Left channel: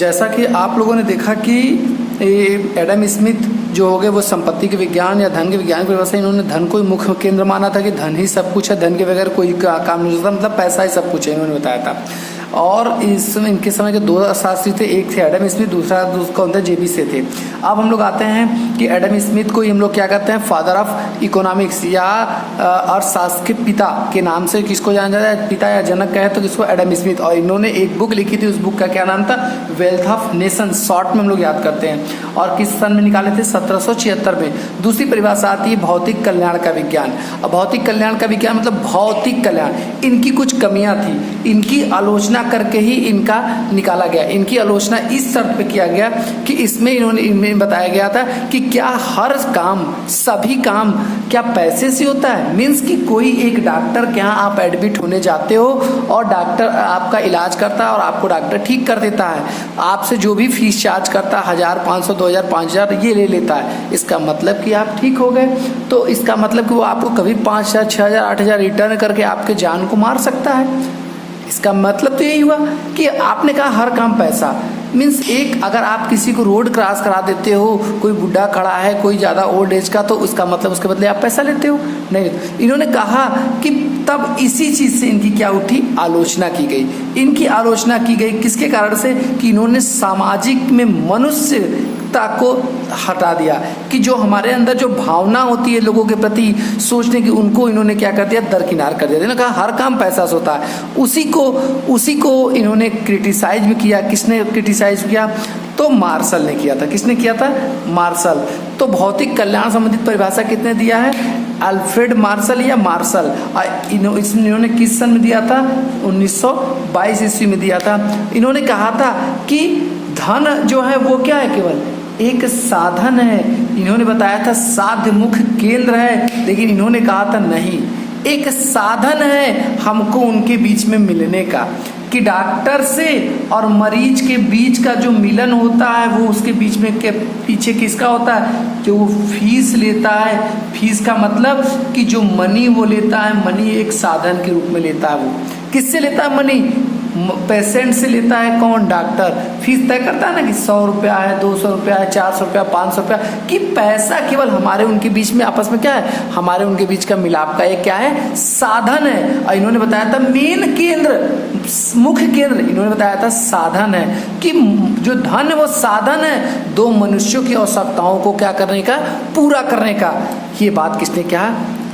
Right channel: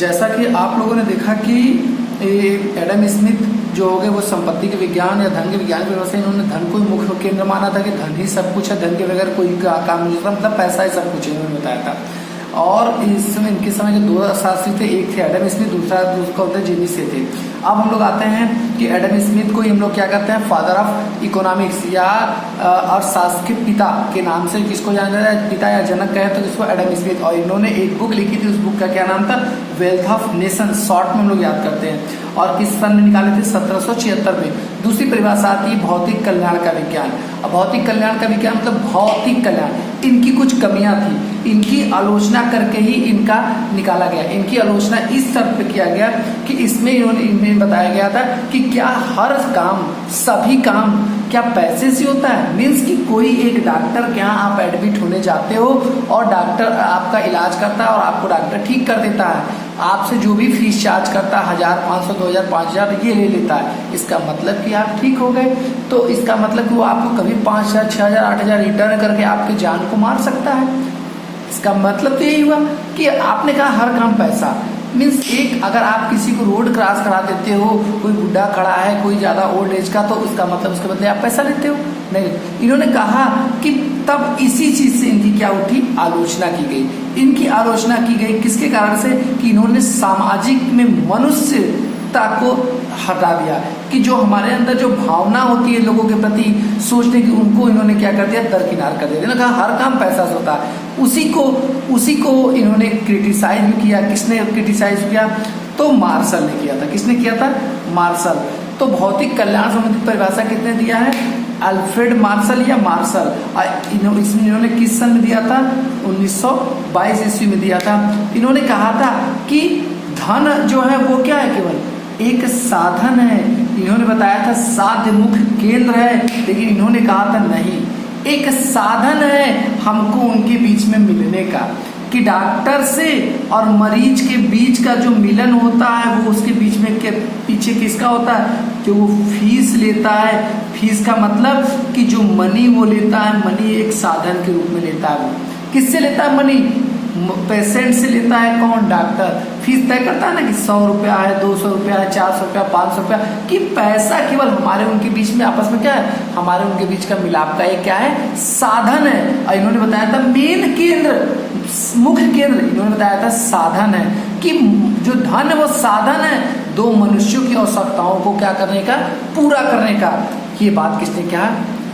जैसा कि आप लोगों ने देखा कि एडम स्मिथ जो हो गए वो संपत्ति के विज्ञान या धन के विज्ञान की व्यवस्था, इन्होंने धन को ही मुख्य केंद्र माना था कि धन ही सब कुछ है, धन के बगैर कोई काम नहीं होता, मतलब पैसा ही सब कुछ है, इन्होंने बताया था। और इनके समय के दो शास्त्री थे, एक थे एडम स्मिथ, दूसरा कौन थे, जेमी से थे। अब हम लोग आते हैं कि एडम स्मिथ को हम लोग क्या कहते हैं, फादर ऑफ इकोनॉमिक्स या अर्थशास्त्र के पिता के नाम से किसको जाना जाता है, पिता या जनक कहे तो किसको, एडम स्मिथ। और इन्होंने एक बुक लिखी थी, उस बुक का क्या नाम था, वेल्थ ऑफ नेशन, शॉर्ट में हम लोग याद करते हैं। और किस सन में निकाले थे, 1776 में। दूसरी परिभाषा आती है भौतिक कल्याण का विज्ञान। और भौतिक कल्याण का विज्ञान मतलब भौतिक कल्याण, इनकी कुछ कमियां थी, इनकी आलोचना करके ही इनका निकाला गया। इनकी आलोचना इस शर्त पे किया गया कि इसमें इनमें बताया गया था कि क्या हर काम, सभी काम क्या पैसे से होता है। मीन्स कि कोई एक डॉक्टर के यहाँ आप एडमिट होने जाते हो और डॉक्टर आपका इलाज करता है और आपको डॉक्टर ठीक कर देता है, आपसे जो भी फीस चार्ज करता है 1500, 2000, 5000 ये ले लेता है। इसका मतलब कि आप ठीक हो गए, तो इसका मतलब कि वो आपको कभी 5000, 6000, 8000 रिटर्न करके आपके जान को मार सकता है। इसका मतलब तो यही हुआ कि आपने कहा हर काम पैसा। मीन्स एक अगर आप किसी को रोड क्रॉस करा देते हो, कोई बुढ़ा खड़ा है, कोई ज्यादा ओल्ड एज का, तो उसका मतलब उसके बदले आप पैसा लेते हो, नहीं। इन्होंने कहा कि तब इसी चीज से इनकी क्या उठी, आलोचना की गई। इनकी आलोचना की गई किसके कारण से, कि इन्होंने सामाजिक में मनुष्यता को हटा दिया, कि जो हमारे अंदर जो भावना होती है लोगों के प्रति सोचने की, उनको इन्होंने क्या कर दिया, दरकिनार कर दिया। इन्होंने कहा हर काम पैसा से होता है। उसी को इन्होंने क्रिटिसाइज भी किया। किसने क्रिटिसाइज किया, तो मार्शल ने किया था। किसने किया था, मार्शल। तो भौतिक कल्याण संबंधित परिभाषा कितने दिया है, अल्फ्रेड मार्शल या मार्शल। इन्होंने किस सन में दिया था, 1922 ईस्वी में दिया था। इन्होंने कहा था कि धन जो है वो क्या है, केवल एक साधन है। इन्होंने बताया था साध्यमुख केंद्र है, लेकिन इन्होंने कहा था नहीं, एक साधन है हमको उनके बीच में मिलने का, कि डॉक्टर से और मरीज के बीच का जो मिलन होता है वो उसके बीच में के पीछे किसका होता है, जो वो फीस लेता है। फीस का मतलब कि जो मनी वो लेता है, मनी एक साधन के रूप में लेता है। वो किससे लेता है मनी, पेशेंट से लेता है। कौन, डॉक्टर। फीस तय करता है ना कि 100 रुपया है, 200 रुपया है, 400 रुपया, 500 रुपया, कि पैसा केवल हमारे उनके बीच में आपस में क्या है, हमारे उनके बीच का मिलाप का एक क्या है, साधन है। और इन्होंने बताया था मेन केंद्र, मुख्य केंद्र इन्होंने बताया था साधन है, कि जो धन है वो साधन है दो मनुष्यों की आवश्यकताओं को क्या करने का, पूरा करने का। ये बात किसने कहा,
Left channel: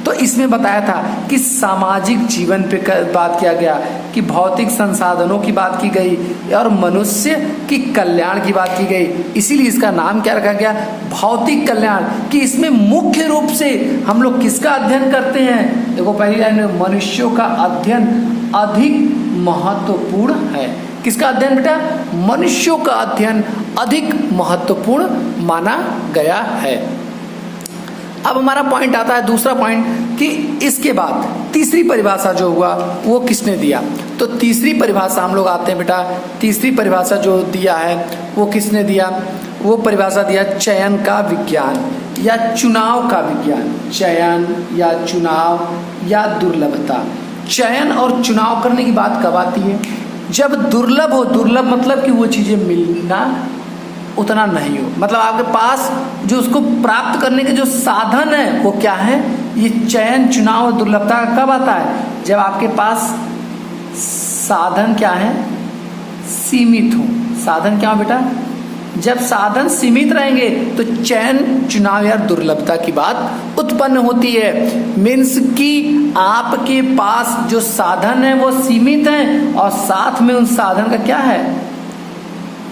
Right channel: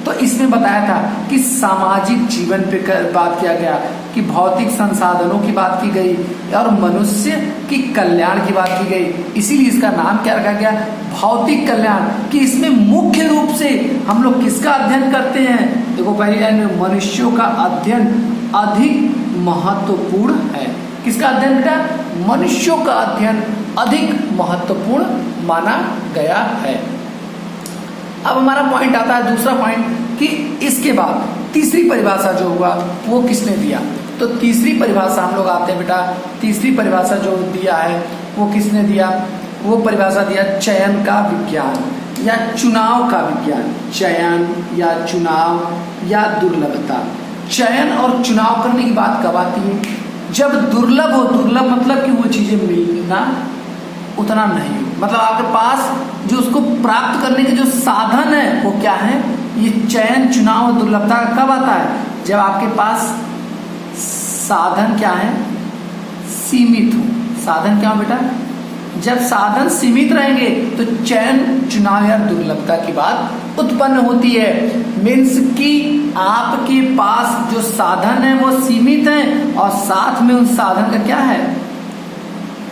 तो इसमें बताया था कि सामाजिक जीवन पे बात किया गया, कि भौतिक संसाधनों की बात की गई और मनुष्य की कल्याण की बात की गई। इसीलिए इसका नाम क्या रखा गया, भौतिक कल्याण। कि इसमें मुख्य रूप से हम लोग किसका अध्ययन करते हैं, देखो पहली लाइन में, मनुष्यों का अध्ययन अधिक महत्वपूर्ण है। किसका अध्ययन बेटा, मनुष्यों का अध्ययन अधिक महत्वपूर्ण माना गया है। अब हमारा पॉइंट आता है, दूसरा पॉइंट, कि इसके बाद तीसरी परिभाषा जो हुआ वो किसने दिया। तो तीसरी परिभाषा हम लोग आते हैं बेटा, तीसरी परिभाषा जो दिया है वो किसने दिया, वो परिभाषा दिया चयन का विज्ञान या चुनाव का विज्ञान। चयन या चुनाव या दुर्लभता। चयन और चुनाव करने की बात कब आती है, जब दुर्लभ हो। दुर्लभ मतलब कि वो चीजें मिलना उतना नहीं हो, मतलब आपके पास जो उसको प्राप्त करने के जो साधन है वो क्या है, ये चयन, चुनाव, दुर्लभता कब आता है, जब आपके पास साधन क्या है, सीमित हो। साधन क्या हो बेटा, जब साधन सीमित रहेंगे तो चयन, चुनाव या दुर्लभता की बात उत्पन्न होती है। मीन्स कि आपके पास जो साधन है वो सीमित है और साथ में उस साधन का क्या है,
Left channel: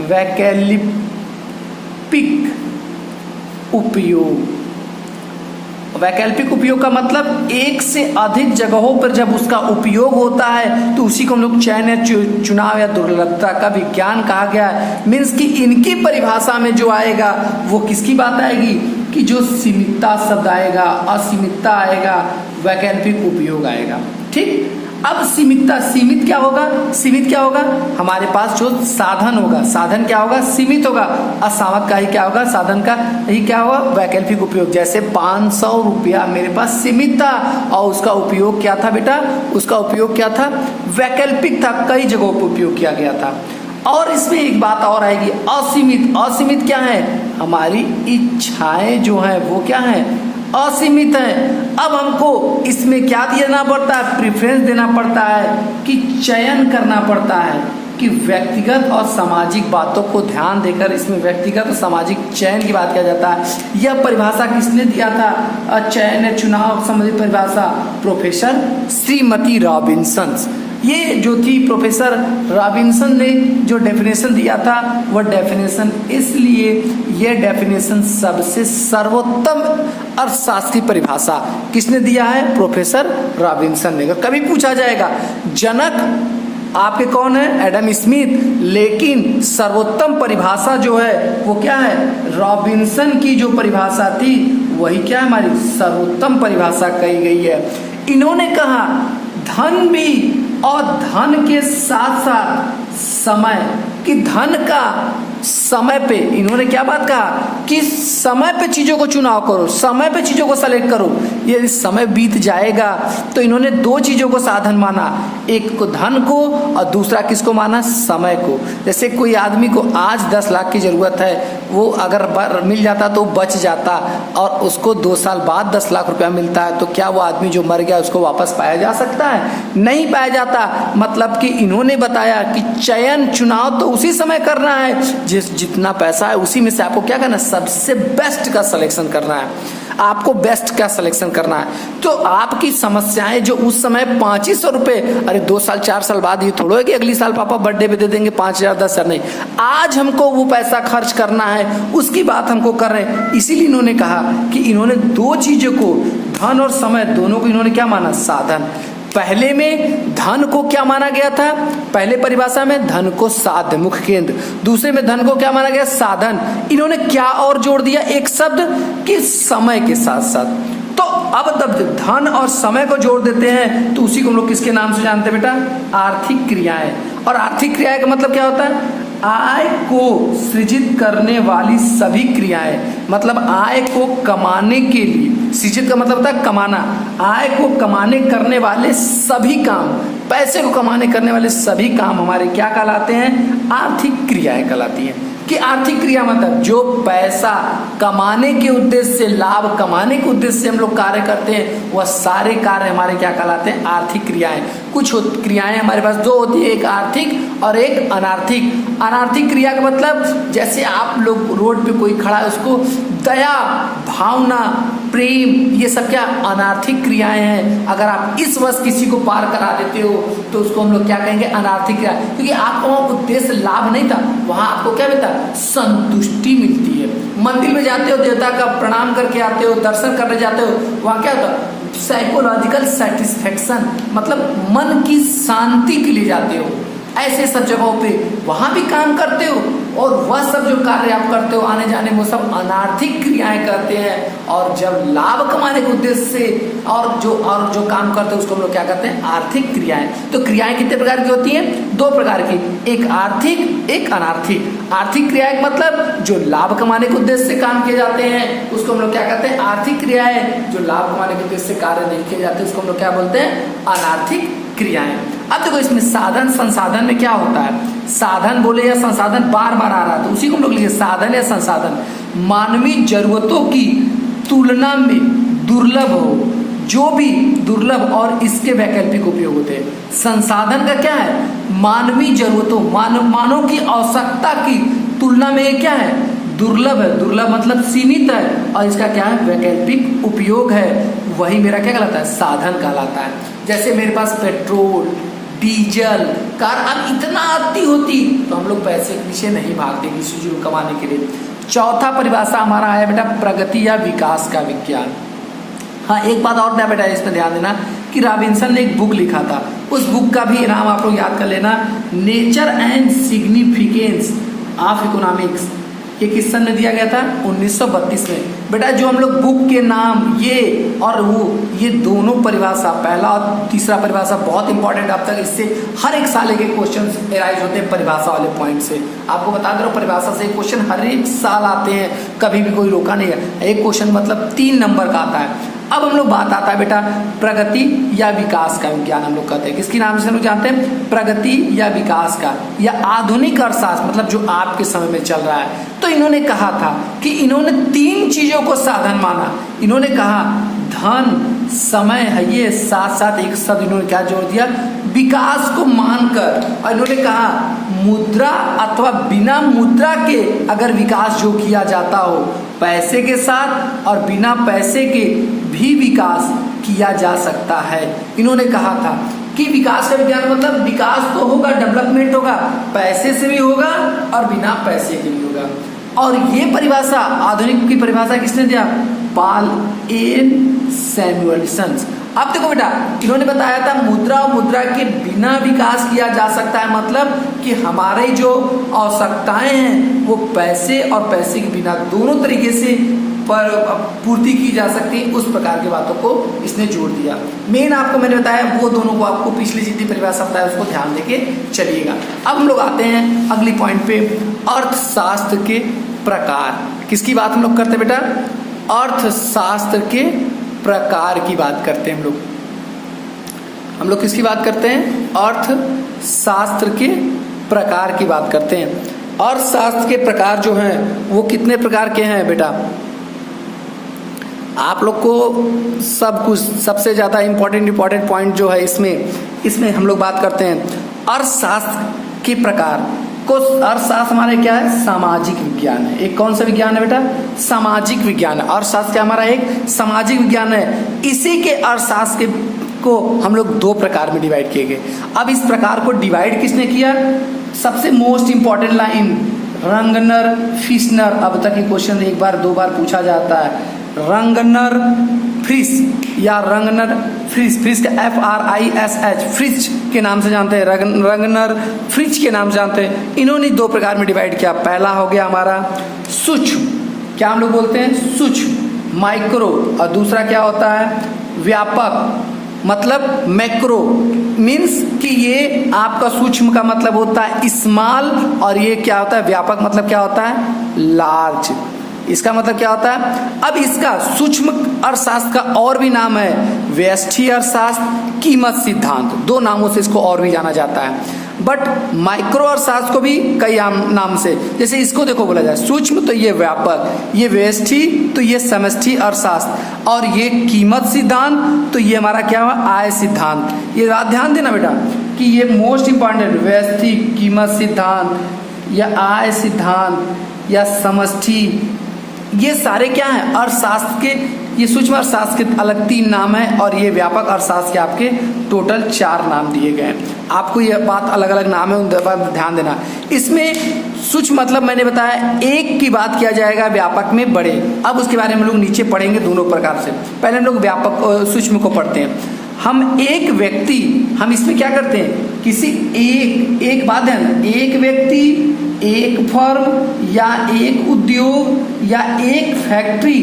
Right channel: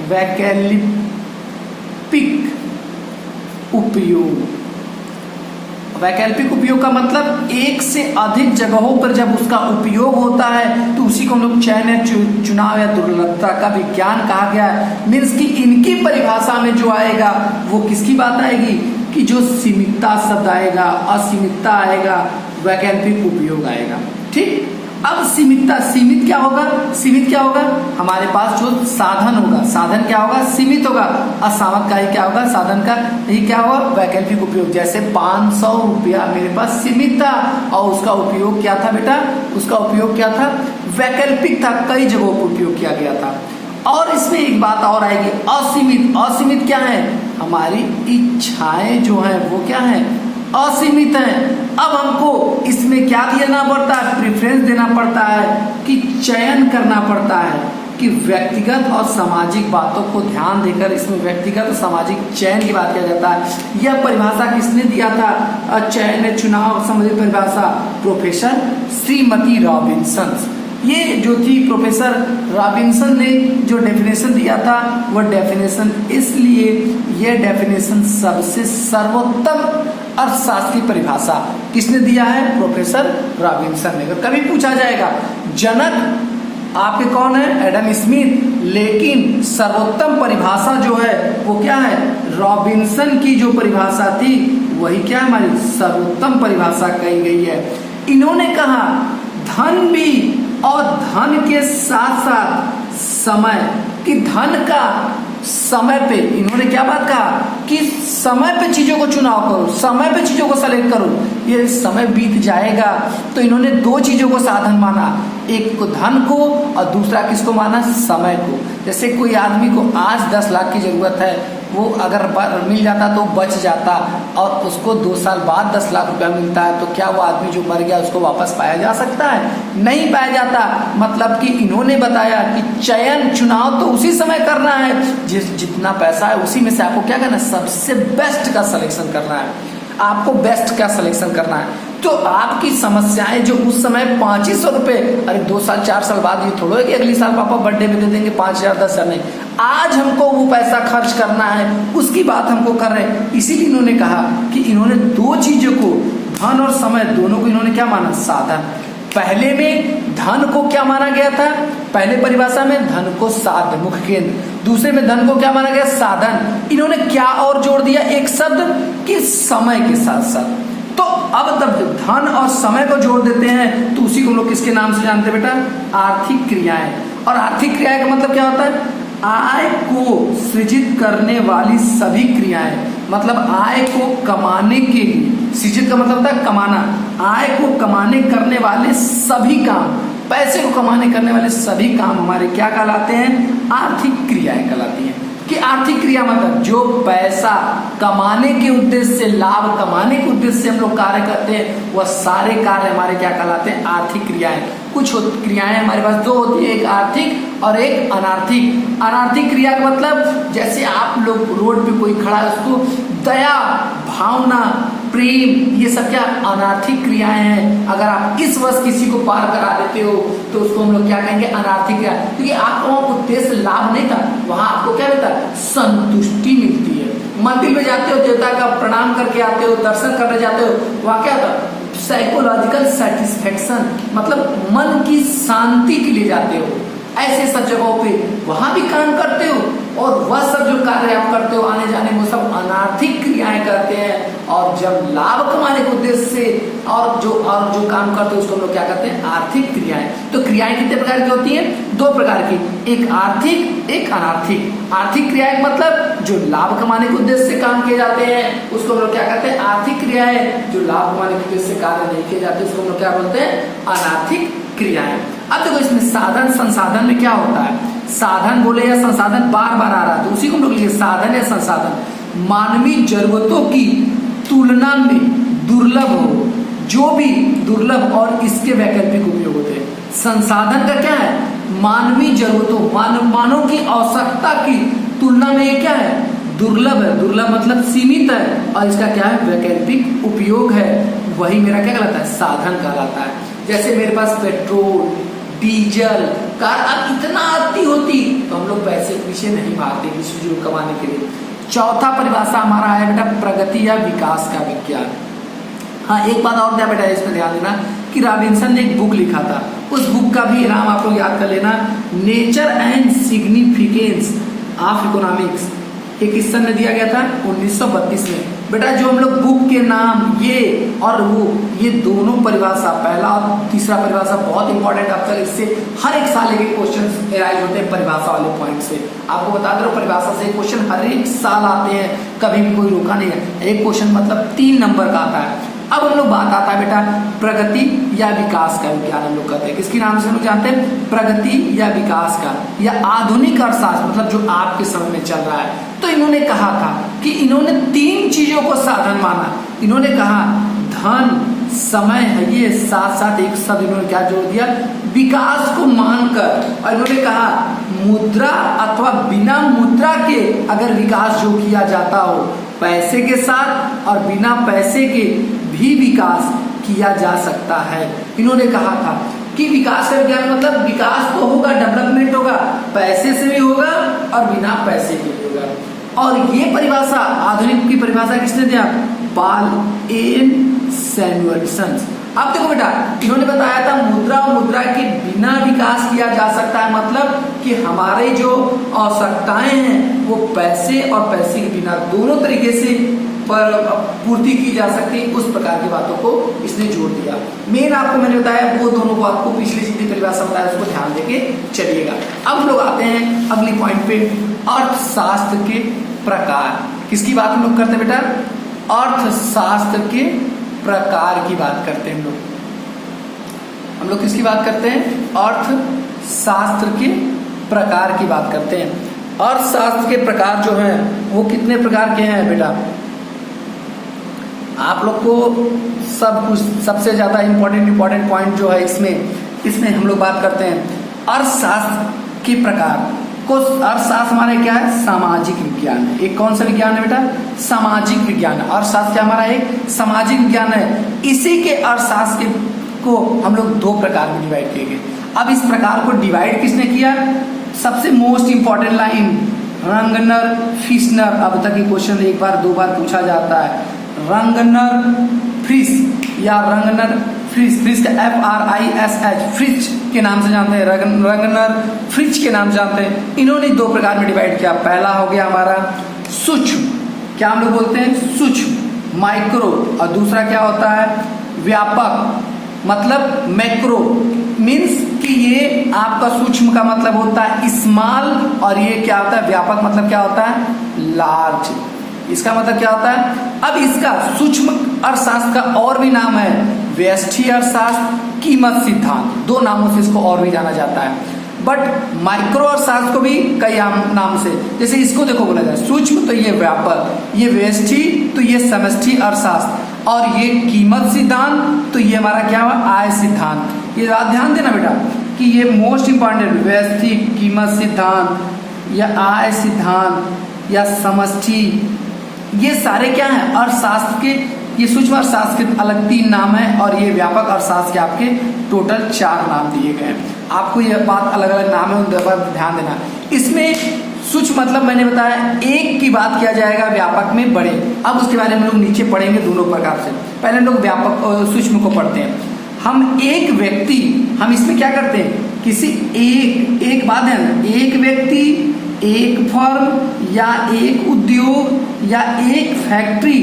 वैकल्पिक उपयोग। वैकल्पिक उपयोग का मतलब एक से अधिक जगहों पर जब उसका उपयोग होता है तो उसी को हम लोग चयन या चुनाव या दुर्लभता का विज्ञान कहा गया है। मीन्स कि इनकी परिभाषा में जो आएगा वो किसकी बात आएगी, कि जो सीमितता शब्द आएगा, असीमितता आएगा, वैकल्पिक उपयोग आएगा। ठीक, अब सीमितता, सीमित क्या होगा, सीमित क्या होगा, हमारे पास जो साधन होगा, साधन क्या होगा, सीमित होगा। असामत का ही क्या होगा, साधन का ही क्या होगा, वैकल्पिक उपयोग। जैसे 500 रुपया मेरे पास सीमित था और उसका उपयोग क्या था बेटा, उसका उपयोग क्या था, वैकल्पिक था, कई जगहों पर उपयोग किया गया था। और इसमें एक बात और आएगी, असीमित। असीमित क्या है? हमारी इच्छाएं जो है वो क्या है? असीमित है। अब हमको इसमें क्या देना पड़ता है? प्रेफरेंस देना पड़ता है कि चयन करना पड़ता है कि व्यक्तिगत और सामाजिक बातों को ध्यान देकर इसमें व्यक्तिगत और सामाजिक चयन की बात किया जाता है। यह परिभाषा किसने दिया था? चयन चुनाव संबंधी परिभाषा प्रोफेसर श्रीमती रॉबिन्सन। ये जो थी प्रोफेसर रॉबिन्सन ने जो डेफिनेशन दिया था, वह डेफिनेशन इसलिए यह डेफिनेशन सबसे सर्वोत्तम अर्थशास्त्री परिभाषा किसने दिया है? प्रोफेसर रॉबिन्सन ने। कभी पूछा जाएगा जनक आपके कौन है? एडम स्मिथ, लेकिन सर्वोत्तम परिभाषा जो है वो क्या है? रॉबिन्सन की जो परिभाषा थी वही क्या है? हमारी सर्वोत्तम परिभाषा कही गई है। इन्होंने कहा धन भी और धन के साथ साथ समय, कि धन का समय पे, इन्होंने क्या बात कहा कि समय पे चीजों को चुनाव करो, समय पे चीजों को सेलेक्ट करो। ये समय बीत जाएगा, तो इन्होंने दो चीजों को साधन माना, एक को धन को और दूसरा किसको माना? समय को। जैसे कोई आदमी को आज 10 लाख की जरूरत है, वो अगर मिल जाता तो बच जाता, और उसको 2 साल बाद 10 लाख रुपया मिलता है, तो क्या वो आदमी जो मर गया उसको वापस पाया जा सकता है? नहीं पाया जाता। मतलब कि इन्होंने बताया कि चयन चुनाव तो उसी समय करना है जितना पैसा है उसी में से आपको क्या करना है? सबसे बेस्ट का सिलेक्शन करना है, आपको बेस्ट का सिलेक्शन करना है। तो आपकी समस्याएं जो उस समय 2500 रुपए, अरे 2 साल 4 साल बाद ये थोड़ा है कि अगली साल पापा बर्थडे में दे देंगे 5000 10,000, नहीं, आज हमको वो पैसा खर्च करना है, उसकी बात हमको कर रहे हैं। इसीलिए इन्होंने कहा कि इन्होंने दो चीजों को, धन और समय, दोनों को इन्होंने क्या माना? साधन। पहले में धन को क्या माना गया था? पहले परिभाषा में धन को साध्य, मुख्य केंद्र। दूसरे में धन को क्या माना गया? साधन। इन्होंने क्या और जोड़ दिया? एक शब्द कि समय के साथ साथ। तो अब तब धन और समय को जोड़ देते हैं तो उसी को हम लोग किसके नाम से जानते हैं बेटा? आर्थिक क्रियाएं। और आर्थिक क्रियाएं का मतलब क्या होता है? आय को सृजित करने वाली सभी क्रियाएं, मतलब आय को कमाने के लिए, सृजित का मतलब होता है कमाना, आय को कमाने करने वाले सभी काम, पैसे को कमाने करने वाले सभी काम हमारे क्या कहलाते हैं? आर्थिक क्रियाएं कहलाती हैं। कि आर्थिक क्रिया मतलब जो पैसा कमाने के उद्देश्य से, लाभ कमाने के उद्देश्य से हम लोग कार्य करते हैं, वह सारे कार्य हमारे क्या कहलाते हैं? आर्थिक क्रियाएं। कुछ क्रियाएं हमारे पास दो होती है, एक आर्थिक और एक अनार्थिक। अनार्थिक क्रिया का मतलब जैसे आप लोग रोड पे कोई खड़ा है, उसको दया, भावना, प्रेम, ये सब क्या अनार्थिक क्रियाएं हैं। अगर आप इस वर्ष किसी को पार करा देते हो तो उसको हम लोग क्या कहेंगे? अनार्थिक क्रिया। क्योंकि आपको उद्देश्य लाभ नहीं था, वहां आपको क्या मिलता? संतुष्टि मिलती है। मंदिर में जाते हो, देवता का प्रणाम करके आते हो, दर्शन करने जाते हो, वहां क्या होता? साइकोलॉजिकल सेटिस्फेक्शन, मतलब मन की शांति के लिए जाते हो। ऐसे सब जगहों पे वहां भी काम करते हो, और वह सब जो कार्य आप करते हो आने जाने में, वो सब अनार्थिक क्रियाएं करते हैं। और जब लाभ कमाने के उद्देश्य से और जो काम करते हैं उसको हम लोग क्या करते हैं? आर्थिक क्रियाएं। तो क्रियाएं कितने प्रकार की होती हैं? 2 प्रकार की, एक आर्थिक, एक अनार्थिक। आर्थिक क्रियाएं मतलब जो लाभ कमाने के उद्देश्य से काम किए जाते हैं उसको हम लोग क्या कहते हैं? आर्थिक क्रियाएं। जो लाभ कमाने के उद्देश्य से कार्य नहीं किए जाते उसको हम लोग क्या बोलते हैं? अनार्थिक क्रियाएं। अब देखो इसमें साधन संसाधन में क्या होता है? साधन बोले या संसाधन बार बार आ रहा है, तो उसी को हम लोग लिखे साधन या संसाधन। मानवीय जरूरतों की तुलना में दुर्लभ हो, जो भी दुर्लभ और इसके वैकल्पिक उपयोग होते हैं। संसाधन का क्या है? मानवीय जरूरतों, मानव की आवश्यकता की तुलना में ये क्या है? दुर्लभ है। दुर्लभ मतलब सीमित है, और इसका क्या है? वैकल्पिक उपयोग है। वही मेरा क्या कहलाता है? साधन कहलाता है। जैसे मेरे पास पेट्रोल, डीजल, कार अब इतना आती होती तो हम लोग पैसे के पीछे नहीं भागते इस चीज को कमाने के लिए। चौथा परिभाषा हमारा है बेटा प्रगति या विकास का विज्ञान। हाँ, एक बात और था बेटा, इसमें ध्यान देना कि रॉबिन्सन ने एक बुक लिखा था, उस बुक का भी नाम आप लोग याद कर लेना, nature and significance of economics. ये किस सन में दिया गया था? 1932 में। बेटा जो हम लोग बुक के नाम ये और वो, ये दोनों परिभाषा, पहला और तीसरा परिभाषा बहुत इंपॉर्टेंट आपका, इससे हर एक साल के क्वेश्चन एराइज होते हैं परिभाषा वाले पॉइंट से। आपको बता दो परिभाषा से क्वेश्चन हर एक साल आते हैं, कभी भी कोई रोका नहीं है। एक क्वेश्चन मतलब 3 नंबर का आता है। अब हम लोग बात आता है बेटा प्रगति या विकास का विज्ञान हम लोग कहते हैं। किसकी नाम से हम लोग जानते हैं? प्रगति या विकास का या आधुनिक अर्थशास्त्र, मतलब जो आपके समय में चल रहा है। तो इन्होंने कहा था कि इन्होंने 3 चीजों को साधन माना। इन्होंने कहा धन, समय है, ये साथ साथ एक शब्द इन्होंने क्या जोड़ दिया? विकास को मानकर। और इन्होंने कहा मुद्रा अथवा बिना मुद्रा के अगर विकास जो किया जाता हो, पैसे के साथ और बिना पैसे के भी विकास किया जा सकता है। इन्होंने कहा था कि विकास का विज्ञान मतलब विकास तो होगा, डेवलपमेंट होगा, पैसे से भी होगा और बिना पैसे के भी होगा। और ये परिभाषा, आधुनिक की परिभाषा किसने दिया? Paul M Samuelson. अब देखो बेटा, इन्होंने बताया था मुद्रा और मुद्रा के बिना विकास किया जा सकता है, मतलब कि हमारी जो आवश्यकताएं हैं वो पैसे और पैसे के बिना दोनों तरीके से पूर्ति की जा सकती है। उस प्रकार की बातों को इसने जोड़ दिया। मेन आपको मैंने बताया वो दोनों को, आपको पिछली जितनी परिभाषा बताया उसको ध्यान देके चलिएगा। अब हम लोग आते हैं अगली पॉइंट पे, अर्थशास्त्र के प्रकार। किसकी बात हम लोग करते हैं बेटा? अर्थशास्त्र के प्रकार की बात करते हैं हम लोग किसकी बात करते हैं? अर्थशास्त्र के प्रकार की बात करते हैं। अर्थशास्त्र के प्रकार जो हैं वो कितने प्रकार के हैं बेटा? आप लोग को सब कुछ, सबसे ज्यादा इंपॉर्टेंट पॉइंट जो है इसमें हम लोग बात करते हैं अर्थशास्त्र के प्रकार को। अर्थशास्त्र हमारा क्या है? सामाजिक विज्ञान है। एक कौन सा विज्ञान है बेटा? सामाजिक विज्ञान। अर्थशास्त्र क्या हमारा? एक सामाजिक विज्ञान है। इसी के अर्थशास्त्र को हम लोग 2 प्रकार में डिवाइड किए गए। अब इस प्रकार को डिवाइड किसने किया? सबसे मोस्ट इंपॉर्टेंट लाइन, रंगनर फिश्नर। अब तक ये क्वेश्चन 1 बार 2 बार पूछा जाता है। रंगनर फ्रिश या रंगनर फ्रिश का FRISH, फ्रिश के नाम से जानते हैं, रंगनर फ्रिश के नाम से जानते हैं। इन्होंने 2 प्रकार में डिवाइड किया। पहला हो गया हमारा सूक्ष्म, क्या हम लोग बोलते हैं? सूक्ष्म, माइक्रो। और दूसरा क्या होता है? व्यापक, मतलब मैक्रो। मीन्स कि ये आपका सूक्ष्म का मतलब होता है स्मॉल, और ये क्या होता है? व्यापक मतलब क्या होता है? लार्ज। इसका मतलब क्या होता है? अब इसका सूक्ष्म अर्थशास्त्र का और भी नाम है व्यष्टि अर्थशास्त्र, कीमत सिद्धांत। 2 नामों से इसको और भी जाना जाता है। बट माइक्रो अर्थशास्त्र को भी कई नाम से, जैसे इसको देखो बोला जाए सूक्ष्म तो ये व्यापक, ये व्यष्टि तो ये समष्टि अर्थशास्त्र, और ये कीमत सिद्धांत तो ये हमारा क्या हुआ? आय सिद्धांत। ये ध्यान देना बेटा कि ये मोस्ट इंपॉर्टेंट, व्यष्टि, कीमत सिद्धांत या आय सिद्धांत या समष्टि, ये सारे क्या हैं? अर्थशास्त्र के, ये सूक्ष्म अर्थशास्त्र के अलग 3 नाम है, और ये व्यापक अर्थशास्त्र के आपके टोटल 4 नाम दिए गए हैं। आपको ये बात अलग अलग नाम है, उन पर ध्यान देना। इसमें सूक्ष्म मतलब मैंने बताया एक की बात किया जाएगा, व्यापक में बड़े। अब उसके बारे में हम लोग नीचे पढ़ेंगे दोनों प्रकार से। पहले लोग व्यापक और सूक्ष्म को पढ़ते हैं। हम एक व्यक्ति, हम इसमें क्या करते हैं? किसी एक बात है, एक व्यक्ति, एक फर्म या एक उद्योग या एक फैक्ट्री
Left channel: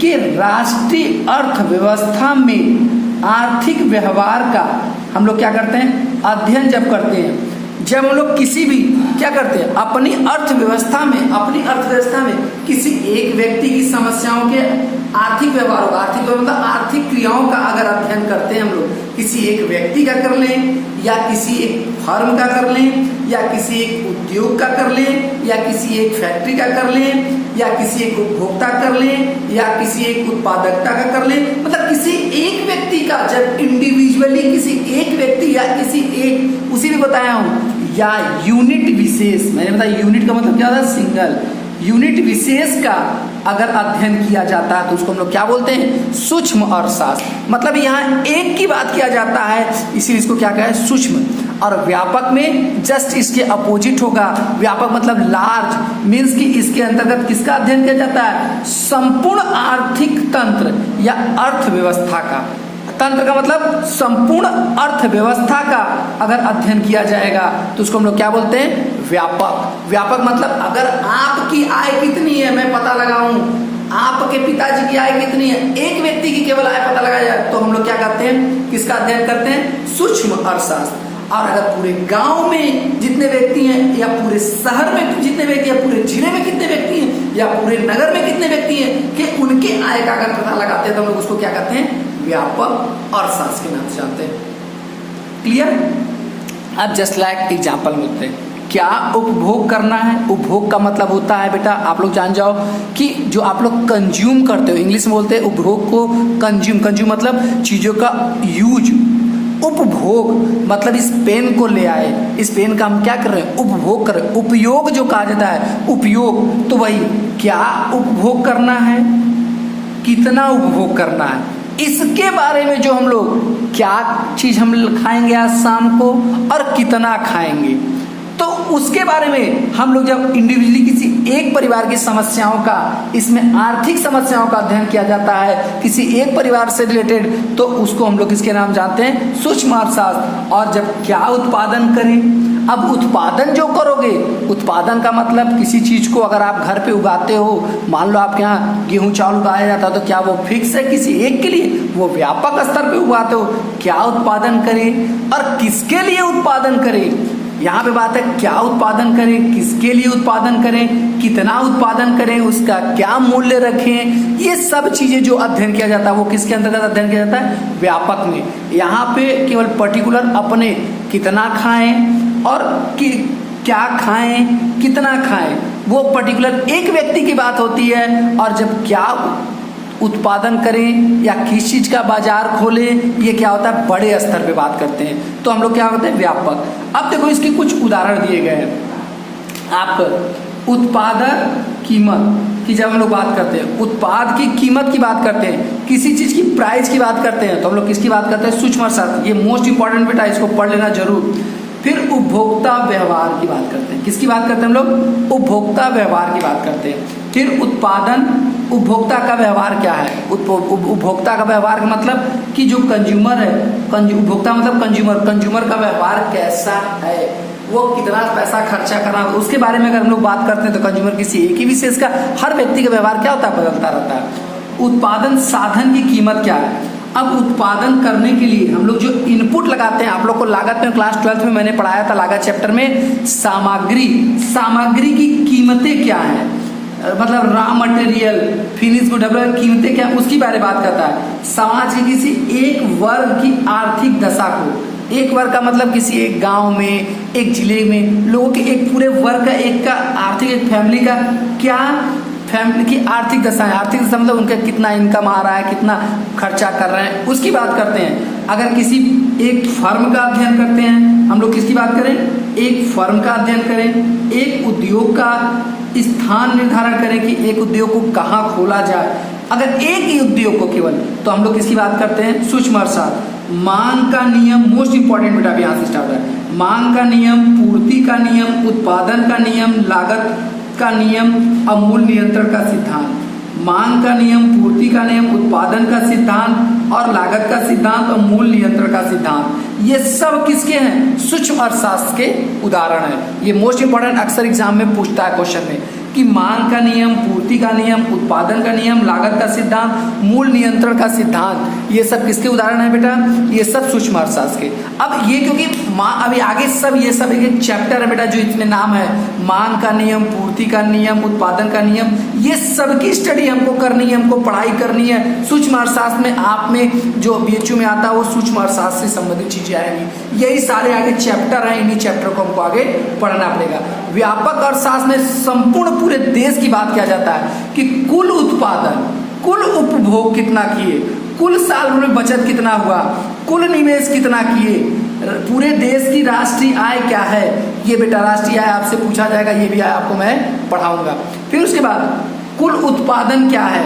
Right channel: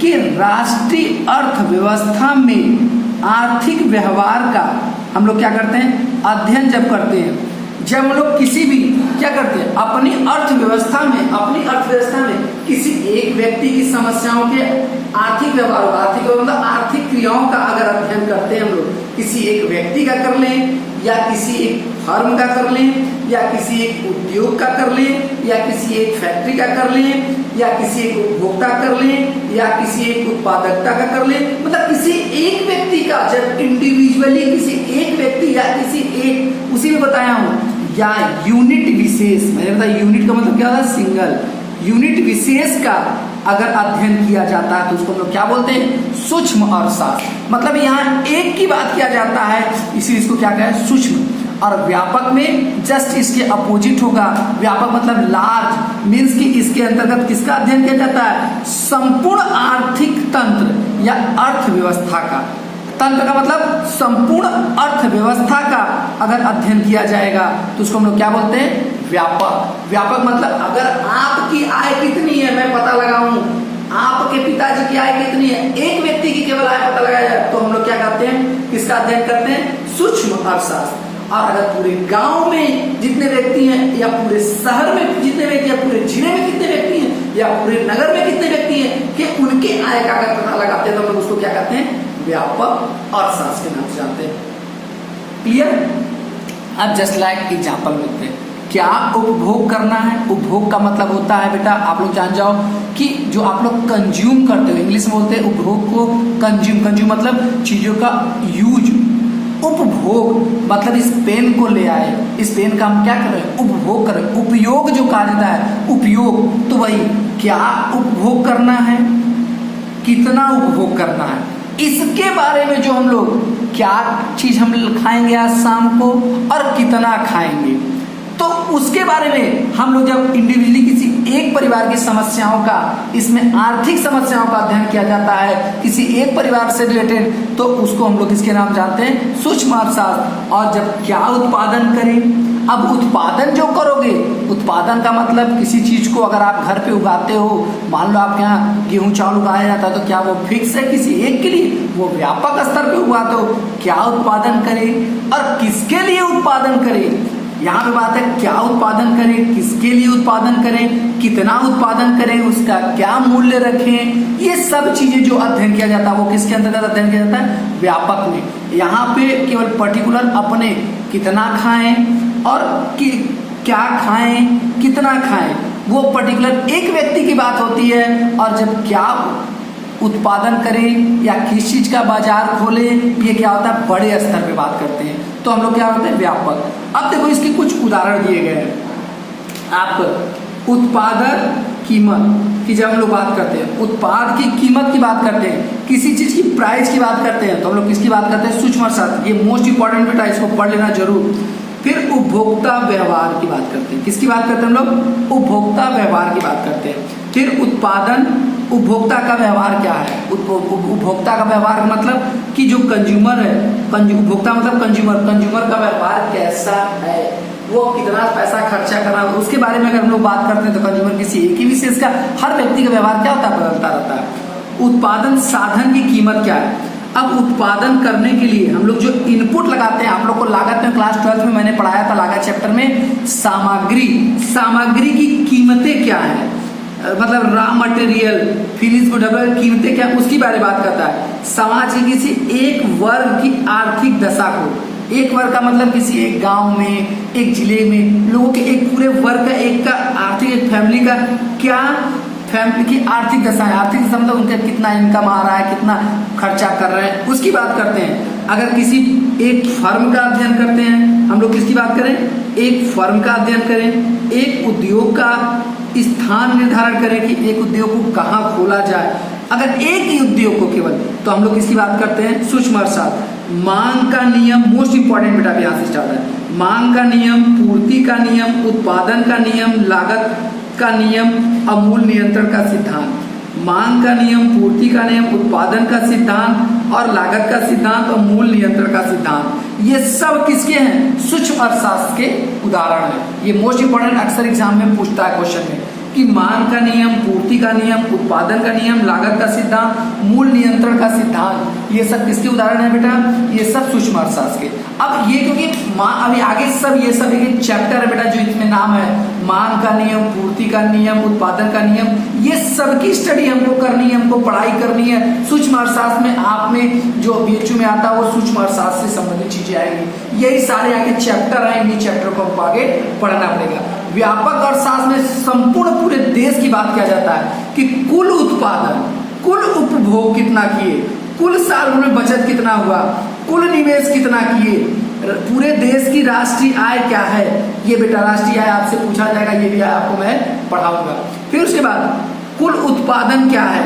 के राष्ट्रीय अर्थव्यवस्था में आर्थिक व्यवहार का हम लोग क्या करते हैं? अध्ययन जब करते हैं, जब हम लोग किसी भी क्या करते हैं? अपनी अर्थव्यवस्था में किसी एक व्यक्ति की समस्याओं के आर्थिक व्यवहार, मतलब आर्थिक क्रियाओं का अगर अध्ययन करते हैं हम लोग, किसी एक व्यक्ति का कर लें या किसी एक फर्म का कर लें या किसी एक उद्योग का कर लें या किसी एक फैक्ट्री का कर लें या किसी एक उपभोक्ता कर लें या किसी एक उत्पादकता का कर लें, मतलब किसी एक व्यक्ति का जब इंडिविजुअली किसी एक व्यक्ति या किसी एक, उसी में बताया हूं, या यूनिट विशेष, मैंने बताया यूनिट का मतलब क्या होता है? सिंगल यूनिट विशेष का अगर अध्ययन किया जाता है तो उसको हम लोग क्या बोलते हैं? सूक्ष्म अर्थशास्त्र। मतलब यहाँ एक की बात किया जाता है, इसलिए इसको क्या कहते हैं? सूक्ष्म। और व्यापक में जस्ट इसके अपोजिट होगा। व्यापक मतलब लार्ज, मीन्स कि इसके अंतर्गत किसका अध्ययन किया जाता है? संपूर्ण आर्थिक तंत्र या अर्थव्यवस्था का। तंत्र का मतलब संपूर्ण अर्थव्यवस्था का अगर अध्ययन किया जाएगा तो उसको हम लोग क्या बोलते हैं? व्यापक। व्यापक मतलब अगर आपकी आय कितनी है मैं पता लगाऊं, आपके पिताजी की आय कितनी है, एक व्यक्ति की केवल आय पता लगाया जाए तो हम लोग क्या करते हैं? किसका अध्ययन करते हैं? सूक्ष्म अर्थशास्त्र। और अगर पूरे गांव में जितने व्यक्ति हैं या पूरे शहर में जितने व्यक्ति हैं, पूरे जिले में कितने व्यक्ति हैं या पूरे नगर में कितने व्यक्ति हैं, कि उनके आय का अगर पता लगाते हैं तो लोग उसको क्या कहते हैं, व्यापक अर्थशास्त्र के नाम से जानते हैं। क्लियर। अब जस्ट लाइक एग्जाम्पल मिलते हैं, क्या उपभोग करना है। उपभोग का मतलब होता है बेटा, आप लोग जान जाओ कि जो आप लोग कंज्यूम करते हो, इंग्लिश में बोलते हैं उपभोग को कंज्यूम। कंज्यूम मतलब चीजों का यूज। उपभोग मतलब इस पेन को ले आए, इस पेन का हम क्या कर रहे हैं, उपभोग कर रहे हैं। उपयोग जो कहा जाता है, उपयोग, तो वही क्या उपभोग करना है, कितना उपभोग करना है, इसके बारे में जो हम लोग क्या चीज हम खाएंगे आज शाम को और कितना खाएंगे, तो उसके बारे में हम लोग जब इंडिविजुअली किसी एक परिवार की समस्याओं का, इसमें आर्थिक समस्याओं का अध्ययन किया जाता है किसी एक परिवार से रिलेटेड, तो उसको हम लोग किसके नाम जानते हैं, सूक्ष्म अर्थशास्त्र। और जब क्या उत्पादन करें, अब उत्पादन जो करोगे, उत्पादन का मतलब किसी चीज को अगर आप घर पे उगाते हो, मान लो आपके यहाँ गेहूं चावल उगाया जाता है, तो क्या वो फिक्स है किसी एक के लिए, वो व्यापक स्तर पे उगाते हो। क्या उत्पादन करें और किसके लिए उत्पादन करें, यहाँ पे बात है क्या उत्पादन करें, किसके लिए उत्पादन करें, कितना उत्पादन करें, उसका क्या मूल्य रखें, ये सब चीजें जो अध्ययन किया जाता है वो किसके अंतर्गत अध्ययन किया जाता है, व्यापक में। यहाँ पे केवल पर्टिकुलर अपने कितना खाएं और क्या खाएं, कितना खाएं, वो पर्टिकुलर एक व्यक्ति की बात होती है। और जब क्या उत्पादन करें या किस चीज का बाजार खोलें, ये क्या होता है, बड़े स्तर पे बात करते हैं, तो हम लोग क्या होते हैं, व्यापक। अब देखो इसके कुछ उदाहरण दिए गए हैं। आप उत्पादन कीमत की जब हम लोग बात करते हैं, उत्पाद की कीमत की बात करते हैं, किसी चीज की प्राइस की बात करते हैं, तो हम लोग किसकी बात करते हैं, सूक्ष्म अर्थशास्त्र। ये मोस्ट इंपॉर्टेंट बेटा, इसको पढ़ लेना जरूर। फिर उपभोक्ता व्यवहार की बात करते हैं, किसकी बात करते हैं हम लोग, उपभोक्ता व्यवहार की बात करते हैं। फिर उत्पादन, उपभोक्ता का व्यवहार क्या है, उपभोक्ता का व्यवहार मतलब कि जो कंज्यूमर है, उपभोक्ता मतलब कंज्यूमर, कंज्यूमर का व्यवहार कैसा है, वो कितना पैसा खर्चा कर रहा है, उसके बारे में अगर हम लोग बात करते हैं तो कंज्यूमर किसी एक ही विशेष का, हर व्यक्ति का व्यवहार क्या होता है, बदलता रहता है। उत्पादन साधन की कीमत क्या है। अब उत्पादन करने के लिए हम लोग जो इनपुट लगाते हैं, आप लोग को लागत में क्लास 12 में मैंने पढ़ाया था, लागत चैप्टर में, सामग्री की कीमतें क्या है, मतलब रॉ मटेरियल, फिनिश गुड, कीमतें क्या, उसकी बारे में बात करता है। समाज की किसी एक वर्ग की आर्थिक दशा को, एक वर्ग का मतलब किसी एक गांव में, एक जिले में लोगों के एक पूरे वर्ग का, एक का आर्थिक, एक फैमिली का क्या, फैमिली की आर्थिक दशा है। आर्थिक दशा मतलब उनका कितना इनकम आ रहा है, कितना खर्चा कर रहे हैं, उसकी बात करते हैं। अगर किसी एक फर्म का अध्ययन करते हैं हम लोग, किसकी बात करें, एक फर्म का अध्ययन करें, एक उद्योग का स्थान निर्धारण करें कि एक उद्योग को कहाँ खोला जाए। अगर एक ही उद्योग को केवल, तो हम लोग किसकी बात करते हैं, सूक्ष्म अर्थशास्त्र। मांग का नियम, मोस्ट इंपॉर्टेंट बेटा, यहाँ से स्टार्ट है। मांग का नियम, पूर्ति का नियम, उत्पादन का नियम, लागत का नियम, अमूल नियंत्रण का सिद्धांत। मांग का नियम, पूर्ति का नियम, उत्पादन का सिद्धांत और लागत का सिद्धांत और मूल नियंत्रण का सिद्धांत, ये सब किसके हैं, सूक्ष्म अर्थशास्त्र के उदाहरण है। ये मोस्ट इंपॉर्टेंट, अक्सर एग्जाम में पूछता है क्वेश्चन में कि मांग का नियम, पूर्ति का नियम, उत्पादन का नियम, लागत का सिद्धांत, मूल नियंत्रण का सिद्धांत, ये सब किसके उदाहरण है बेटा, ये सब सूक्ष्म अर्थशास्त्र के। अब ये क्योंकि अभी आगे सब ये सब एक चैप्टर है बेटा जो इसमें नाम है, मांग का नियम, पूर्ति का नियम, उत्पादन का नियम, ये सबकी स्टडी हमको करनी है, हमको पढ़ाई करनी है। सूक्ष्म अर्थशास्त्र में आप में जो बीएचयू में आता है वो सूक्ष्म अर्थशास्त्र से संबंधित चीजें आएंगी। यही सारे आगे चैप्टर है, इन्हीं चैप्टर को हमको आगे पढ़ना पड़ेगा। व्यापक अर्थशास्त्र में संपूर्ण पूरे देश की बात किया जाता है कि कुल उत्पादन, कुल उपभोग कितना किए, कुल साल भर में बचत कितना हुआ, कुल निवेश कितना किए, पूरे देश की राष्ट्रीय आय क्या है, ये बेटा राष्ट्रीय आय आपसे पूछा जाएगा, ये भी आपको मैं पढ़ाऊंगा। फिर उसके बाद कुल उत्पादन क्या है,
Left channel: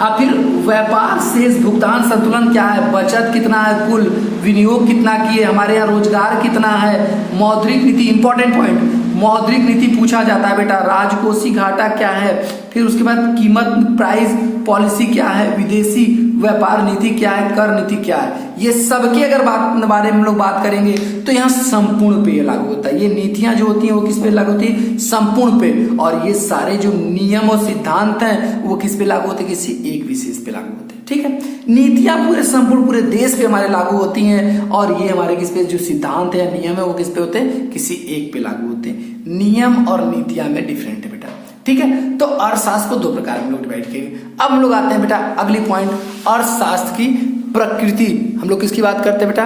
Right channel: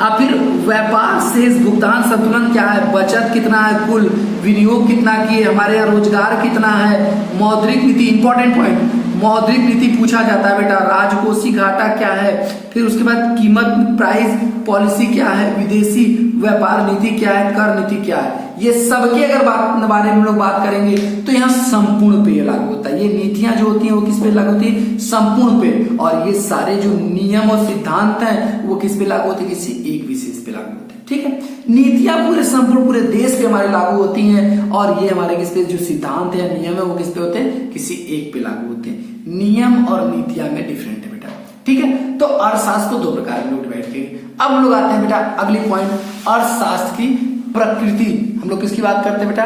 और फिर व्यापार शेष भुगतान संतुलन क्या है, बचत कितना है, कुल विनियोग कितना किए, हमारे यहाँ रोजगार कितना है, मौद्रिक नीति, इंपॉर्टेंट पॉइंट, मौद्रिक नीति पूछा जाता है बेटा, राजकोषीय घाटा क्या है, फिर उसके बाद कीमत प्राइस पॉलिसी क्या है, विदेशी व्यापार नीति क्या है, कर नीति क्या है, ये सबके अगर बारे में लोग बात करेंगे तो यहाँ संपूर्ण पे लागू होता है। ये नीतियां जो होती हैं वो किस पे लागू होती है, संपूर्ण पे। और ये सारे जो नियम और सिद्धांत हैं वो किस पे लागू होते हैं, किसी एक विशेष पे लागू होते हैं। ठीक है, नीतियां पूरे संपूर्ण पूरे देश पे हमारे लागू होती हैं, और ये हमारे किस पे जो सिद्धांत है, नियम है, वो किस पे होते हैं, किसी एक पे लागू होते हैं। नियम और नीतियां में डिफरेंट है बेटा, ठीक है। तो अर्थशास्त्र को दो प्रकार में लोग डिवाइड किए। अब हम लोग आते हैं बेटा अगली पॉइंट, अर्थशास्त्र की प्रकृति। हम लोग किसकी बात करते हैं बेटा?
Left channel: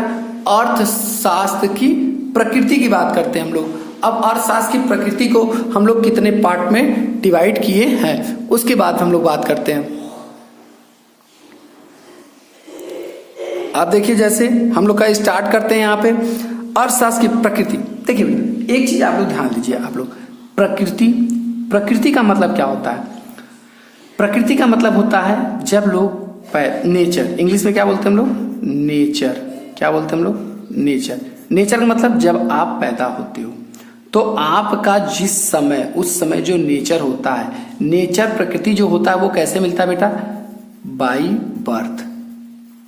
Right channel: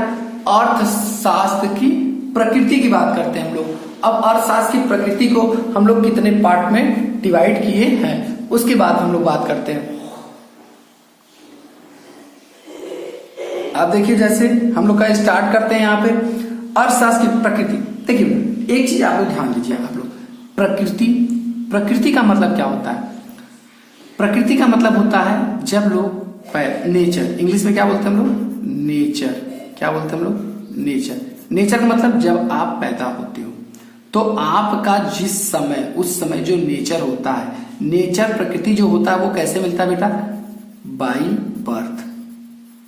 अर्थशास्त्र की प्रकृति की बात करते हैं हम लोग। अब अर्थशास्त्र की प्रकृति को हम लोग कितने पार्ट में डिवाइड किए हैं उसके बाद हम लोग बात करते हैं। आप देखिए जैसे हम लोग का स्टार्ट करते हैं यहाँ पे अर्थशास्त्र की प्रकृति। देखिए एक चीज आप लोग ध्यान दीजिए, आप लोग प्रकृति का मतलब क्या होता है? प्रकृति का मतलब होता है जब लोग नेचर, इंग्लिश में क्या बोलते हैं हम लोग? नेचर। क्या बोलते हैं हम लोग? नेचर। नेचर का मतलब जब आप पैदा होते हो तो आपका जिस समय, उस समय जो नेचर होता है, नेचर प्रकृति जो होता है वो कैसे मिलता है बेटा? By birth.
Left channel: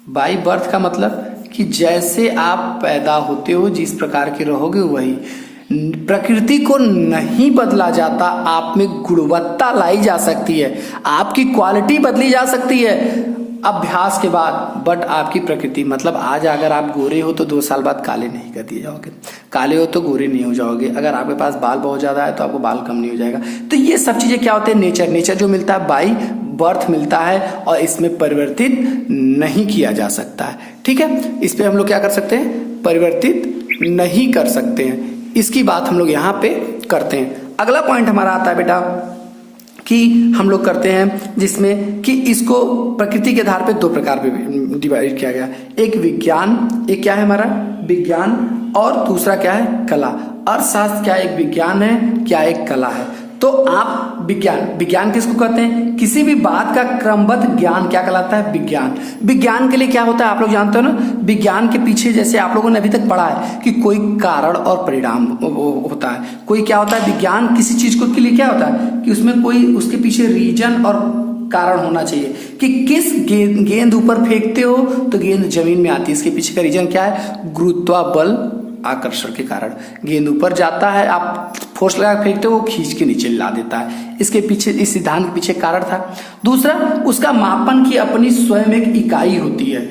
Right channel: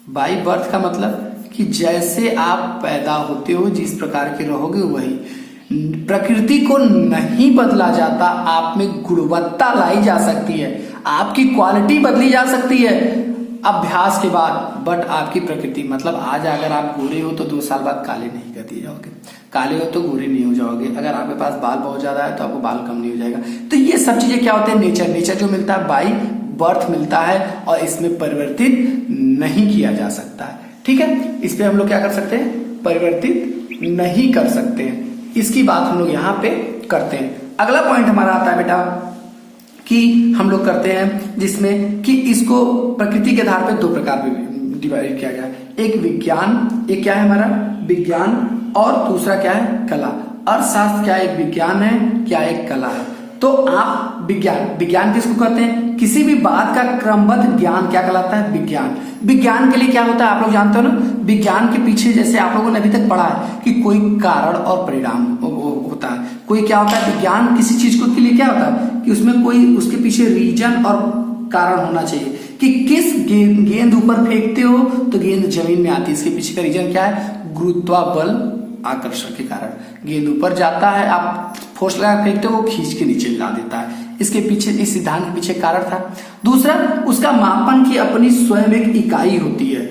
बाई बर्थ का मतलब कि जैसे आप पैदा होते हो जिस प्रकार के रहोगे वही। प्रकृति को नहीं बदला जाता, आप में गुणवत्ता लाई जा सकती है, आपकी क्वालिटी बदली जा सकती है अभ्यास के बाद, बट आपकी प्रकृति मतलब आज अगर आप गोरे हो तो 2 साल बाद काले नहीं कर दिए जाओगे, काले हो तो गोरे नहीं हो जाओगे, अगर आपके पास बाल बहुत ज्यादा है तो आपको बाल कम नहीं हो जाएगा। तो ये सब चीजें क्या होते हैं? नेचर जो मिलता है बाई बर्थ मिलता है और इसमें परिवर्तित नहीं किया जा सकता है। ठीक है, इस पे हम लोग क्या कर सकते हैं? परिवर्तित नहीं कर सकते हैं। इसकी बात हम लोग यहाँ पे करते हैं। अगला पॉइंट हमारा आता है बेटा कि हम लोग करते हैं जिसमें कि इसको प्रकृति के आधार पे 2 प्रकार में डिवाइड किया गया। एक विज्ञान, एक क्या है हमारा? विज्ञान, और दूसरा क्या है? कला। अर्थशास्त्र क्या एक विज्ञान है, क्या एक कला है? तो आप विज्ञान किसको कहते हैं? किसी भी बात का क्रमबद्ध ज्ञान क्या कहलाता है? विज्ञान। विज्ञान के लिए क्या होता है आप लोग जानते हो ना? विज्ञान के पीछे जैसे आप लोगों ने अभी तक पढ़ा है कि कोई कारण और परिणाम होता है, कोई क्या होता है? विज्ञान किसी चीज को के लिए क्या होता है कि उसमें कोई उसके पीछे रीजन और कारण होना चाहिए कि किस गेंद ऊपर फेंकते हो तो गेंद जमीन में आती है, इसके पीछे का रीजन क्या है? गुरुत्वाबल आकर्षण के कारण गेंद ऊपर जाता है, आप फोर्स लगा फेंकते हो, खींच के नीचे ला देता है। इसके पीछे, इस सिद्धांत के पीछे कारण था। दूसरा, उसका मापन की अपनी स्वयं एक इकाई होती है।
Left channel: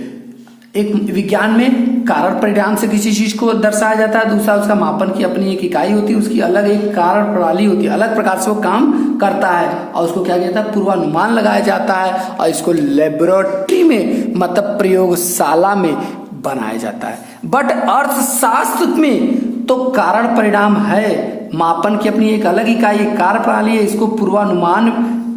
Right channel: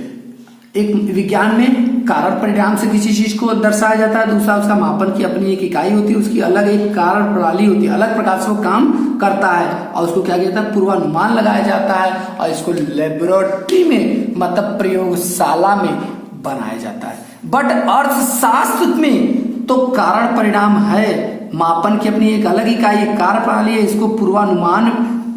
एक विज्ञान में कारण परिणाम से किसी चीज को दर्शाया जाता है, दूसरा उसका मापन की अपनी एक इकाई होती है, उसकी अलग एक कारण प्रणाली होती है, अलग प्रकार से वो काम करता है और उसको क्या कहता है? पूर्वानुमान लगाया जाता है और इसको लेबोरेटरी में मतलब प्रयोगशाला में बनाया जाता है। बट अर्थशास्त्र में तो कारण परिणाम है, मापन की अपनी एक अलग इकाई, एक कार्य प्रणाली है, इसको पूर्वानुमान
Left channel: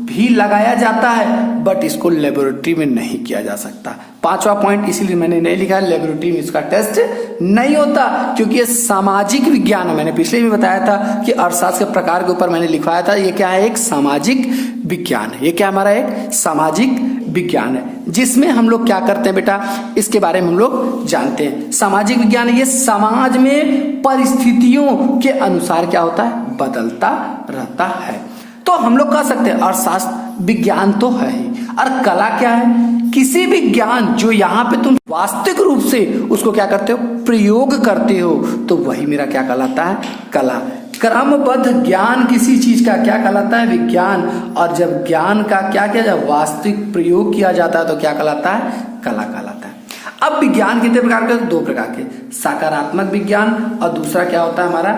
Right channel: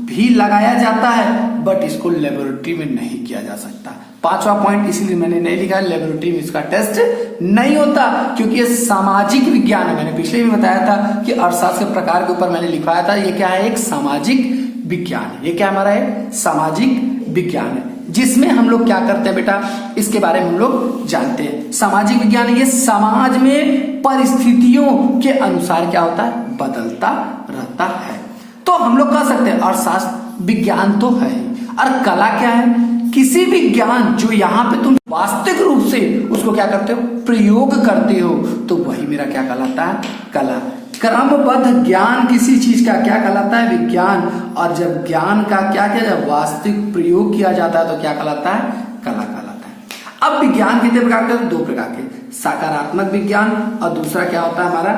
भी लगाया जाता है, बट इसको लेबोरेटरी में नहीं किया जा सकता। 5वां पॉइंट इसीलिए मैंने नहीं लिखा है, लेबोरेटरी में इसका टेस्ट नहीं होता क्योंकि ये सामाजिक विज्ञान है। मैंने पिछले भी बताया था कि अर्थशास्त्र के प्रकार के ऊपर मैंने लिखवाया था, ये क्या है? एक सामाजिक विज्ञान है। ये क्या हमारा एक सामाजिक विज्ञान है जिसमें हम लोग क्या करते हैं बेटा? इसके बारे में हम लोग जानते हैं। सामाजिक विज्ञान ये समाज में परिस्थितियों के अनुसार क्या होता है? बदलता रहता है। तो हम लोग कह सकते हैं अर्थशास्त्र विज्ञान तो है ही, और कला क्या है? किसी भी ज्ञान जो यहाँ पे तुम वास्तविक रूप से उसको क्या करते हो? प्रयोग करते हो, तो वही मेरा क्या कहलाता है? कला। क्रमबद्ध ज्ञान किसी चीज का क्या कहलाता है? विज्ञान। और जब ज्ञान का क्या किया जाए? वास्तविक प्रयोग किया जाता है तो क्या कहलाता है? कला कहलाता है। अब विज्ञान कितने प्रकार के? 2 प्रकार के, सकारात्मक विज्ञान और दूसरा क्या होता है हमारा?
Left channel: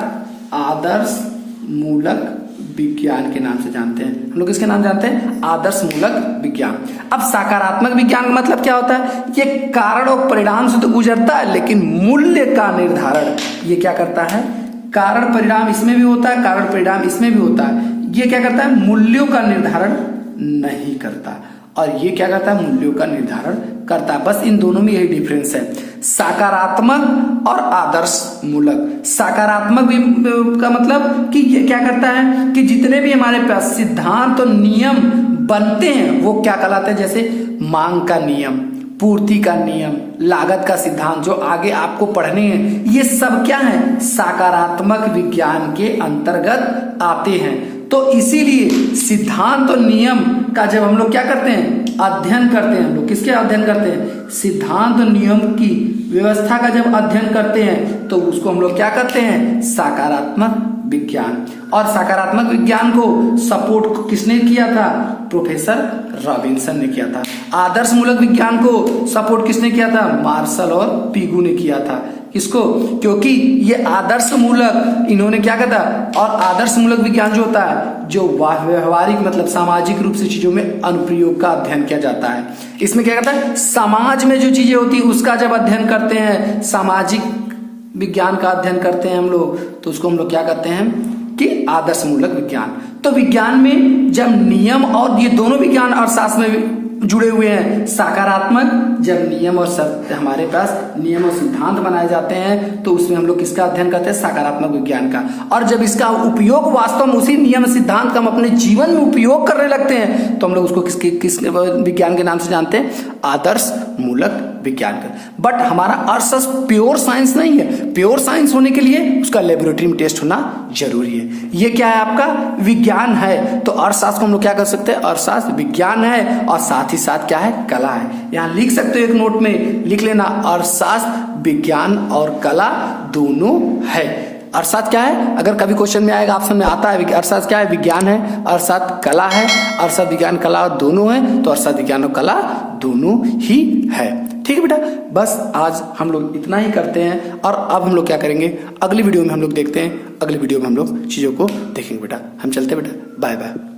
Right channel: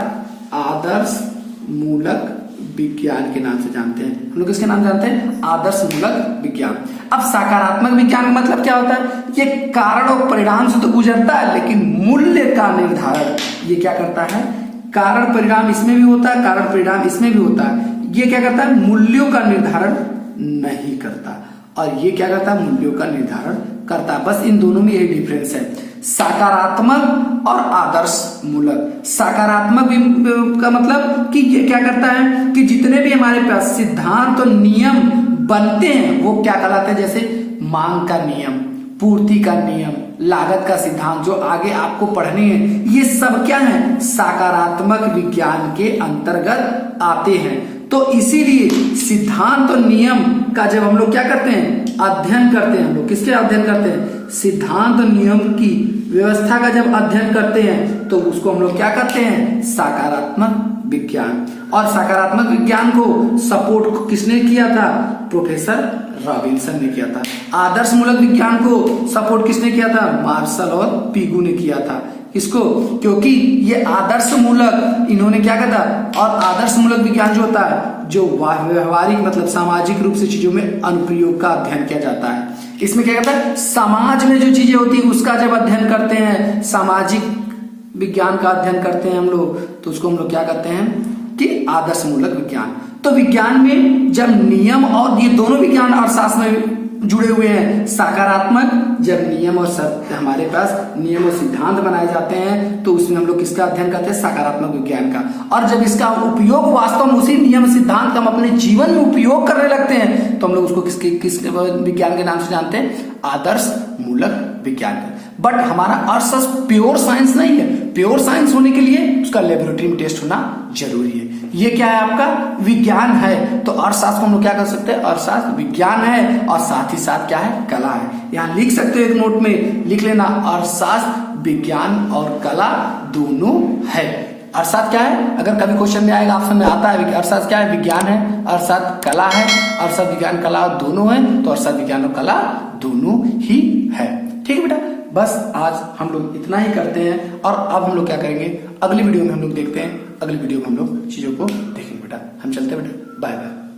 आदर्श मूलक विज्ञान के नाम से जानते हैं हम लोग। किसके नाम जानते हैं? आदर्श मूलक विज्ञान। अब सकारात्मक विज्ञान का मतलब क्या होता है? ये कारण और परिणाम से तो गुजरता है, लेकिन मूल्य का निर्धारण ये क्या करता है? कारण परिणाम इसमें भी होता है, कारण परिणाम इसमें भी होता है, ये क्या करता है? मूल्यों का निर्धारण नहीं करता, और ये क्या करता है? मूल्यों का निर्धारण करता है। बस इन दोनों में यही डिफरेंस है, सकारात्मक और आदर्श मूलक। सकारात्मक का मतलब कि ये क्या करता है कि जितने भी हमारे पास सिद्धांत और नियम बनते हैं वो क्या कहलाते हैं? जैसे मांग का नियम, पूर्ति का नियम, लागत का सिद्धांत जो आगे आपको पढ़ने हैं, ये सब क्या है? सकारात्मक विज्ञान के अंतर्गत आते हैं। तो इसीलिए सिद्धांत और नियम का जब हम लोग क्या करते हैं? अध्ययन करते हैं। हम लोग किसके अध्ययन करते हैं? सिद्धांत और नियम की व्यवस्था का जब अध्ययन करते हैं तो उसको हम लोग क्या करते हैं? सकारात्मक विज्ञान। और सकारात्मक विज्ञान को सपोर्ट किसने किया था? प्रोफेसर रॉबिन्सन ने किया था। आदर्श मूलक विज्ञान को सपोर्ट किसने किया था? मार्शल और पिगू ने किया था। किसको? क्योंकि ये आदर्श मूलक, इन्होंने क्या कहा था, और आदर्श मूलक विज्ञान जो होता है, जो व्यवहारिक मतलब सामाजिक रूप से चीजों में अनुप्रयोग का अध्ययन किया जाता है। इसमें क्या कहता है, समाज में जो चीजें होती है उसका जब अध्ययन करते हैं, सामाजिक विज्ञान का अध्ययन करते हैं हम लोग, तो उसको हम लोग क्या कहते हैं कि आदर्श मूलक विज्ञान। तो विज्ञान में जब नियम, और ये दोनों विज्ञान अर्थशास्त्र में जुड़े हुए हैं, सकारात्मक, जब नियम और हमारे पास नियम और सिद्धांत बनाए जाते हैं तो उसमें हम लोग किसका अध्ययन करते हैं, सकारात्मक विज्ञान का। और जब इसका उपयोग वास्तव में उसी नियम सिद्धांत का हम अपने जीवन में उपयोग करने लगते हैं तो हम लोग उसको किस विज्ञान के नाम से जानते हैं, आदर्श मूलक विज्ञान। बट हमारा अर्थशास्त्र प्योर साइंस नहीं है, प्योर साइंस होने के लिए उसका लेबोरेटरी में टेस्ट होना जरूरी है। ये क्या है, आपका विज्ञान है। तो अर्थशास्त्र को हम लोग क्या कर सकते हैं, अर्थशास्त्र विज्ञान है और साथ ही साथ क्या है, कला है। यहाँ लिख सकते हो, एक नोट में लिख लेना, अर्थशास्त्र विज्ञान और कला दोनों है। अर्थशास्त्र क्या है, अगर कभी क्वेश्चन में आएगा, ऑप्शन में आता है अर्थशास्त्र क्या है, विज्ञान है, अर्थशास्त्र कला है, अर्थशास्त्र विज्ञान कला दोनों है, तो अर्थशास्त्र विज्ञान और कला दोनों ही है। ठीक है बेटा, बस आज हम लोग इतना ही करते हैं। और अब हम लोग क्या करेंगे, अगली वीडियो में हम लोग देखते हैं, अगली वीडियो में हम लोग चीजों को देखेंगे बेटा। हम चलते हैं बेटा, बाय बाय।